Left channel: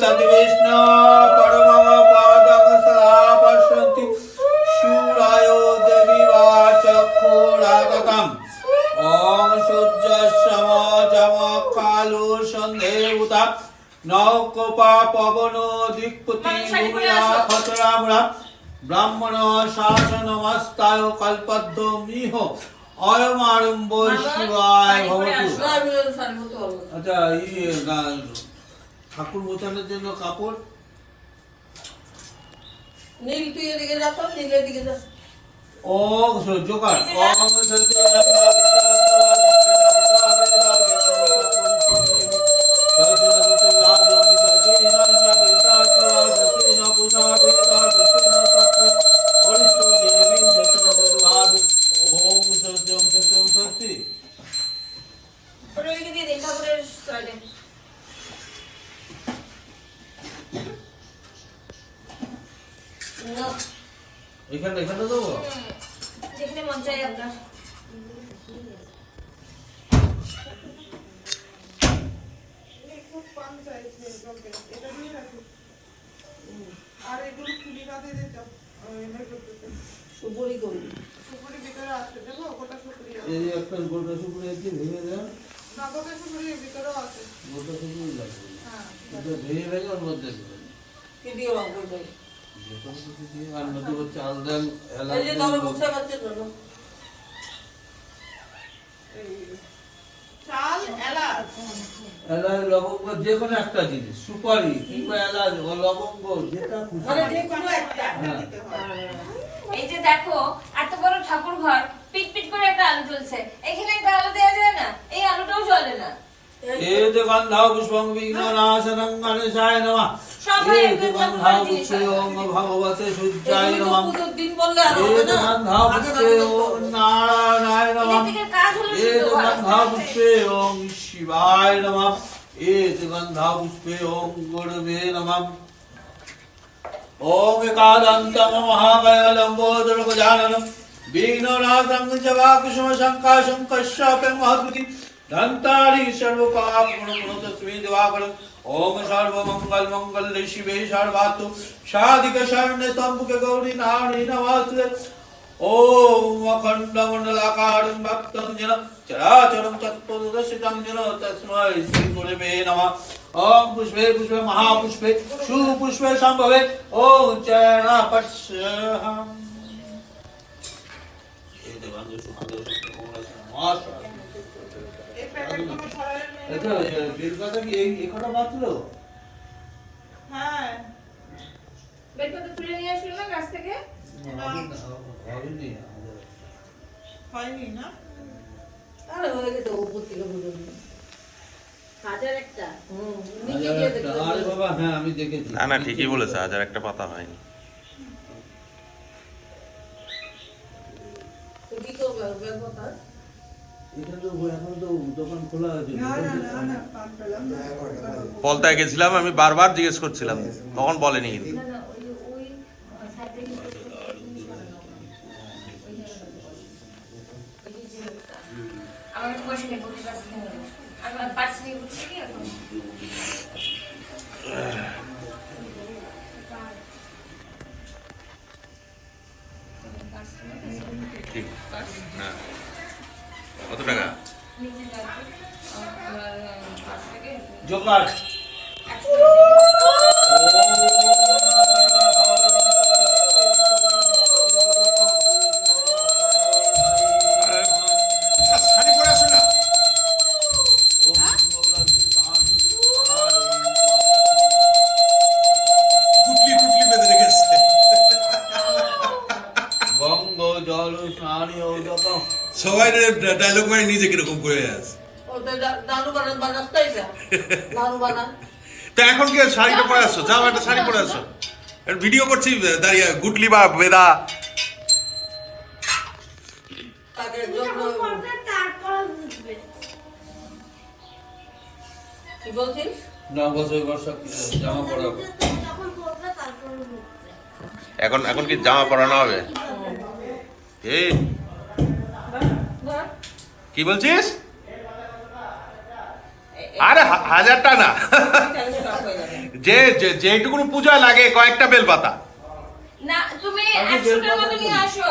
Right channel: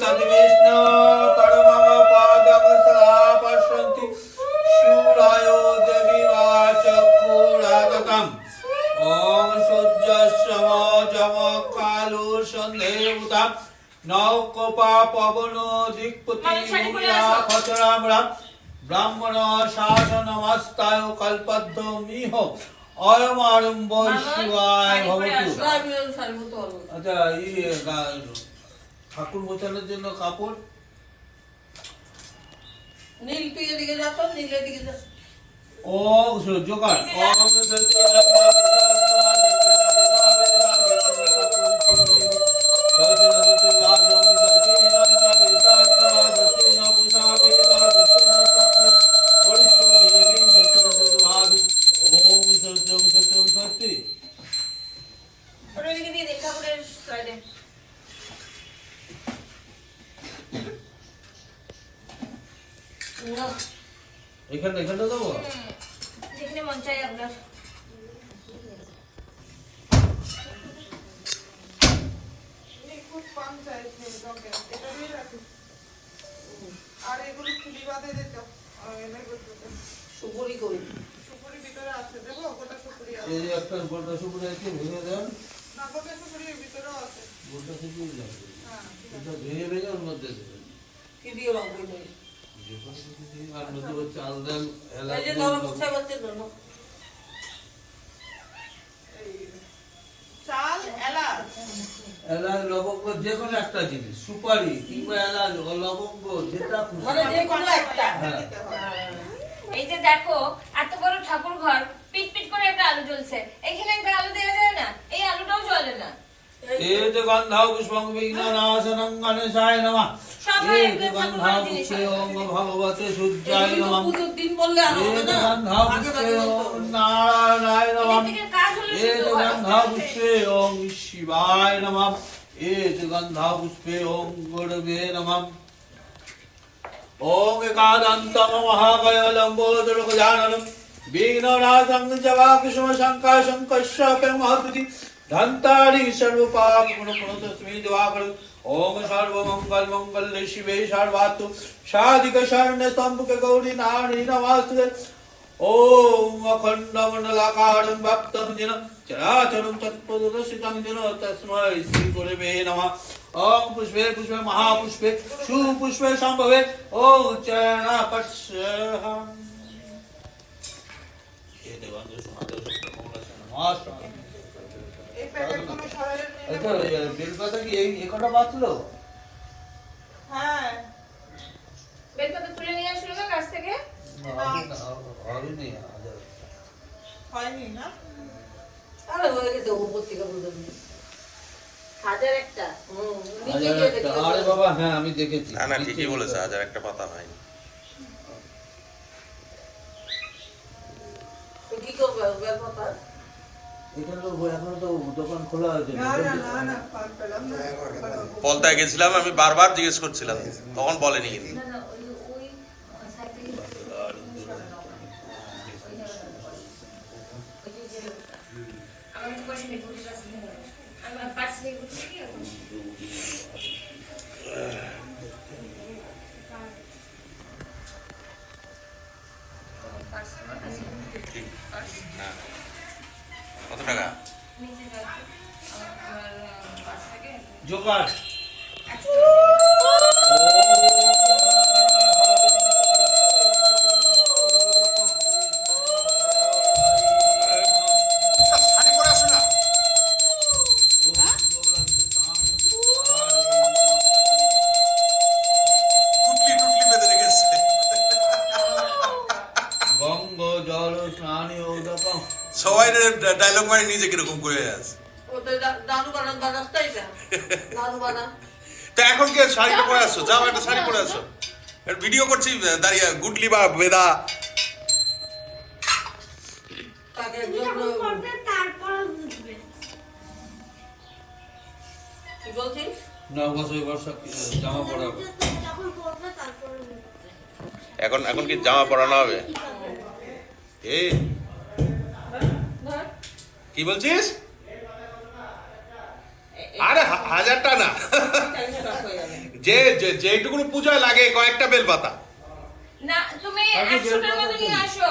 तद्विष्णु परमं पादं सदा पश्यन्ति शूरायो देवीवाचक्षुरागतम् ॐ सूर्यस्यमजमकालो सन्धेवता नौकोपा पवनो दिक्पतिमुनिनाथचरामरा ब्राह्मण शासनमस्ताय कल्पद्रुमिह अयमारम्भो शिवाय भवतु। अच्छा ये ঠাকুর মোছানোর জন্য কাপড় নীল তুই এদিকে যা তো নীলের দিকে যা। ও জোকার এখানে এখানে দেবো যেখানে মন চাই আপনার। খুব কম চাইছে এটা দিয়ে রাখি আর এগুলো খুলি বাদে দিতে সুপুরি করি সুপুরি ভিতরে আছে দেখো গোটা সুপুরি আছে এই একটা গোটা সুপুরি আছে ভেঙে দেন না গোটা সুপুরি ভিতরেও আছে গোটা সুপুরি লাগবে হ্যাঁ এটা ভেঙে ভেঙে ওর মধ্যে দেবেন কি দিয়ে বাঁধবো ভাই আর মধ্যে হচ্ছে আলদা এলাচ এই যে তবে মুখটা করতে না চাল এলাচ এলাচ লবঙ্গ যে কোনো একটা জিনিস সুপারি কিংবা এলাচ ও লবঙ্গ যেটা খুশি মানে যে কোনো একটা হ্যাঁ। দিতে হয় এই যে দেখো এত বড় ঠাকুর ঘর পিট পিট করে একটা আলু জ্বলছে, এখানে একটা আলু দেওয়া যায় না? এই আলুটাও জ্বলে না। एत गन्धा पुष्पं विघ्ननाशनं गणेशाय नमः। एत गन्धा पुष्पे ओम भगवते शुद्धाय नमः। পুজোর দিন বললে আর হবে एत না गन्धा पुष्पे ओम नारायणाय नमः। এদিকে কাজ হলো एत শুধু गन्धा पुष्पे ओम शिवाय नमः। एत गन्धा पुष्पे ओम गुरवे नमः। ओम एकादन्तं महाकायलम्बोदर गजाननं विघ्ननाशं जवाकुसुम शङ्काशं कश्यपं महद्गति धन्तारि सर्वपापगुणगुणतस्मै दिवाकरं ओम सर्वमंगल मंगल्ये शिवे सर्वार्थ साधिक शरण्य स्तंभके गौरी नारायणी नमस्ते। ओम अखंडमंडलाकारं व्याप्तं येन चराचरं तत्पददर्शितं येन तस्मै श्री गुरवे नमः। ओम पुष्पे पुष्पे महापुष्पे सुपुष्पे संभवे ओम चरणपश्यहम्। हे देवांगो सुमंगल এই প্যাকেটগুলো সরাই নিয়ে এটা বেলপাতা কি এই কটা বাঁচলো? হ্যাঁ বেলপাতা তুলে নিয়ে আসলো না গাছ থেকে? হয়নি হয়নি না আরে হয়ে গেছে উপর থেকে বুঝলাম হাজার একটা। নিচে গিয়ে দেখতে আরে বাবা হ্যাঁ আমি দেখেছি। না না ঠিকই বলেছে, হাজার একটা পাতা হয়নি। তো কি করবে ব্যাপারটা এখানে তো এখন তো দোকান খোলা আছে না না না না পান পেলাম না পলতায় গেছিলাম, আমি বারবার জিজ্ঞেস করছিলাম, তখন বলেনি কিন্তু। না না ওই ওই সাইড থেকে আমার পয়সা নেই, আমার পার্স নেই কি আর ঠিক, হ্যাঁ। কত টাকা? নিচে যাবে আমার পার্স থেকে জোকার শাড়ি পরে আসো না। টুকলি টুকলি বেঁধে রেখেছে। গঙ্গ জল স্নানি ঔদকম সবাই ডায়লগ মারি নিজে কিরকম করে আছে। ওটা দানু বানান বানাস্তাই যা দানু বানান তা এখন কি শাড়ি পরে আসছো? যাও একটা শাড়ি পরে আসো। আর ভিডিও করছি দাঁড়িয়ে, গুটলি বা বেদা। তাদের জন্য কি বলছিস 9 বছর বর্ষা জামা পরাবো। এখন এখন কি জামা পরানো হবে? এই কি বলছিস? আরে 1000টা না, তাহলে স্টপ হয়ে যাবে। যেটুকু পূজায় লাগে কয়েকটা বেলপাতা। না তুমি আগে 100টার মতো বেলপাতা নিয়ে তুলি। আসো।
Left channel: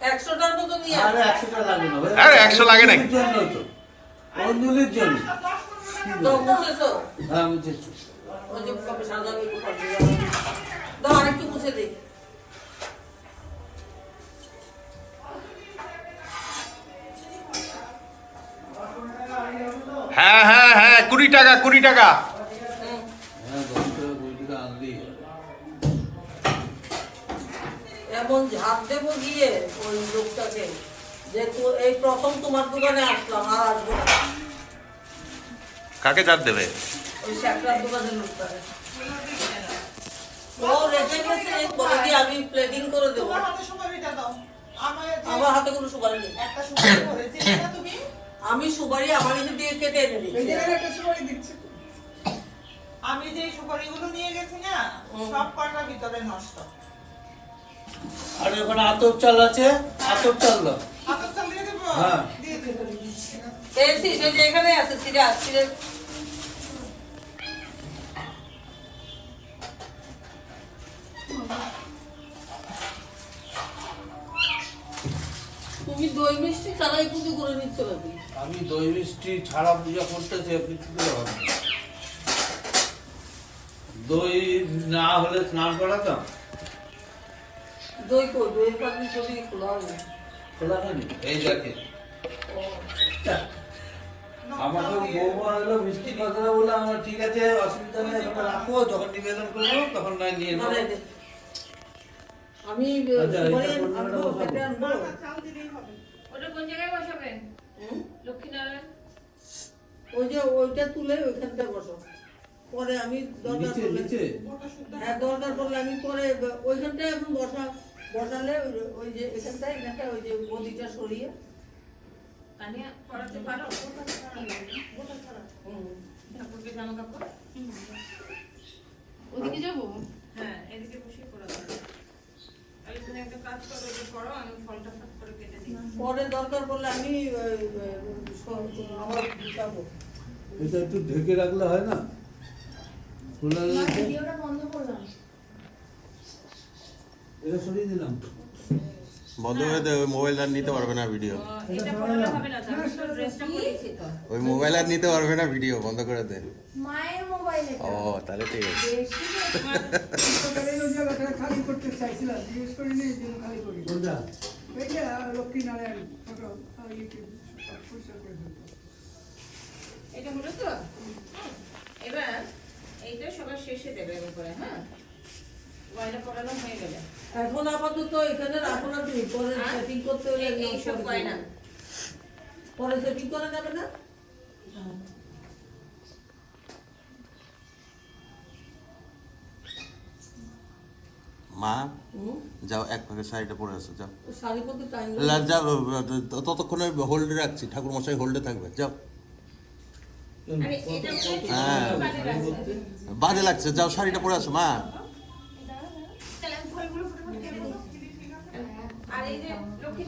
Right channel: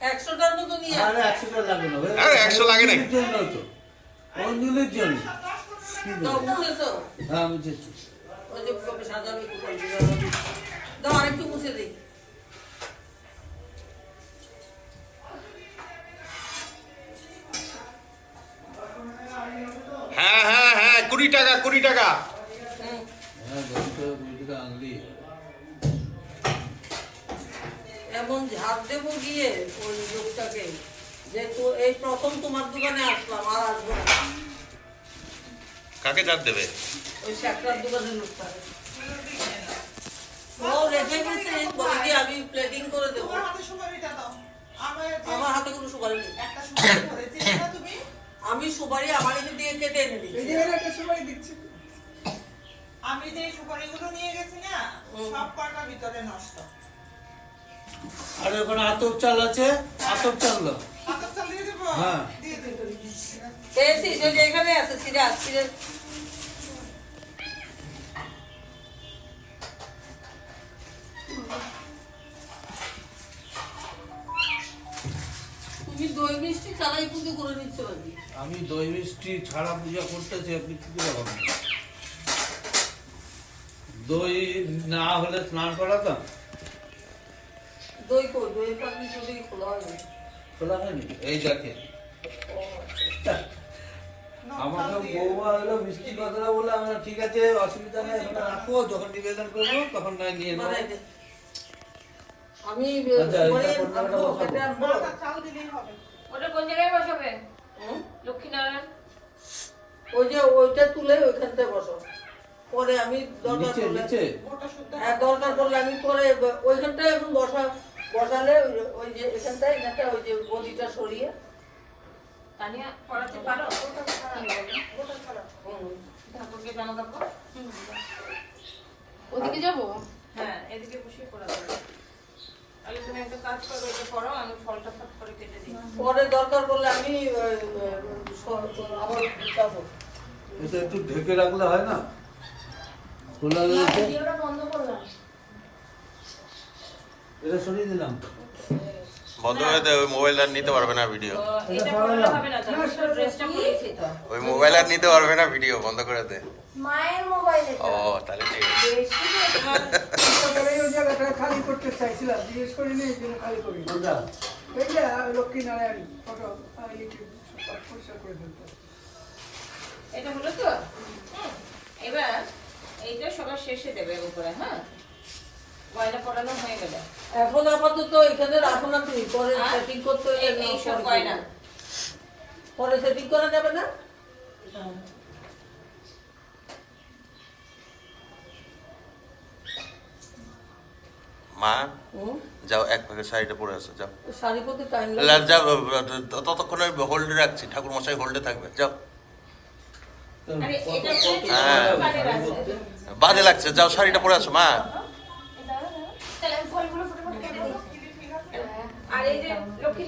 100টার মতো নিয়ে আরে আসো। 100টা লাগে না ভাই। আরে 100 লাগে নাকি? অঞ্জলির জন্য তো, অঞ্জলির জন্য। তো মুছেছো? হ্যাঁ বুঝেছি। ওই যে কবে সাজাবে একটু করে দিও। দাও আরেকটু মুছে দিই। হ্যাঁ হ্যাঁ হ্যাঁ, 20 টাকা 20 টাকা। হুম। হ্যাঁ 20 টাকা আনলি। এমন ঝাড় দেবো গিয়ে ওই লোকটাকে যে এই প্রথম তোমার দোকানে আসলাম, আর আসবো না। কাকে চাপ দেবে? ওই শ্যাকরার দোকানের লোকটা ও রেখে গেছে, বলে কি আমি প্লেটিং করে দেবো। তোমার হাতে সুপারিটা দাও। আমার হাতে কোনো সুপারি নেই। একটা সুপারি ধরেছি না তুমি? আমি সুপারি আমার এখান থেকে কেটে এনে এই দিচ্ছি। জায়গায় একটা সুপারি দিচ্ছে। আমি যে সুপারিগুলো নিয়ে গেছি না, সব কটার ভিতরে নষ্ট। আর এখন আতপ চাল আছে, আতপ চাল দাও। হাতের চাল দিয়ে দেবো? হ্যাঁ। দিয়ে দেবো। পেয়েছি, সেই যে এখানে আছে সিরাজ, সিরাজ। তুমি দই মিষ্টি ছাড়াই পুজো করে নিচ্ছ নাকি? আমি দই মিষ্টি ছাড়া পূজা করতেছি, আপনি কি করে হবে? দই না হলে স্নান করাতাম। দই কই? দইয়ের পাত্র ছবি খোলা হয়নি। খোলা হয়নি এই দেখে। আমাকে বৌমা হলো মিষ্টি কথা বলে আমরা ঠিক আছে অসুবিধা নেই, এখন রাখো, যখন নিবেদন করবো তখন নয় নিয়ে নেবো। মানে আমি আচ্ছা, সুপারি এটা কোন জায়গাটা আনবো, বসাবো? এটা আনবো। হাতের চাল দিলেই হবে। ওটা কোন জায়গায় বসাবেন? হুম? লক্ষ্মীনারায়ণ। ওই যে ওইটা তুলে ওইখানটায় বসো। পরে আমি দরকার নিচে পড়লে নিচে গোটা শুদ্ধ হ্যাঁ, দরকার পড়লে আমি পরে ওইখানটায় এখন বসালে ওই যে এখানটায় ওই যে গদিটা সরিয়ে তানিয়া পড়াতে পারো? গোটা ছাড়া। ঠাকুরকে জামা কাপড়? ওদিকে যাবো? হ্যাঁ, এদিকে বসিয়ে পড়াতে। তাহলে তুমি একটা কাজ করো, এটা পড়ো, আমি ফলটা ফট করে কেটে দিই। পরে দরকার পড়লে আমি আমার যাবো। এটা একটু ঢেকে রাখলে হয় না? খোলা রয়েছে, ভিডিওটা বন্ধ করলাম। এটা সরিয়ে দিলাম। বন্ধ হয়ে দেবে, মোবাইল আর নিতে পারবে না ভিডিও। এটা পড়ালে হবে না, তো আমি তো ড্রেসটা পরেছি তো। ওই মোবাইল আর নিতে পারবে না ভিডিও, বন্ধ করে দে। মায়ের মোবাইলে ও তাহলে ঠিক আছে। বেশি তোমার ওই জায়গাটা খালি করতে চাইছিলাম, জিজ্ঞেস করিনি, এই জন্য খালি করি। কোনটা? এইটা লক্ষ্মীনারায়ণ ফটো ইউটিউব পরিষ্কার করে ফেলতো। এটা হলো তো? এবার এইটা সবার শেষে দেবে উপরে, হ্যাঁ? গয়না পড়ানো হয়ে গেলে। এখন আপাতত এখানে রাখো না তুমি, পরে হ্যাঁ? সেটিং করতে হলে এইসব পরে গয়না। করবে। পরে সেটিং করা যাবে না? মা হুম? যাও, এক প্যাকেট শাড়িটা পরে আসো, যাও। শাড়ি পরতে টাইম যাও, ততক্ষণ হোল্ডে রাখছি, ঠাকুর মশাই হোল্ডে থাকবে, যাও। আরে এটা হ্যাঁ। বাড়ির আছে। বাজে লাগছে, যাও শাড়িটা পরে আসো মা। তাহলে আমি ফলগুলো ফটোফট কেটে দিই। আর এই যে লক্ষ্মী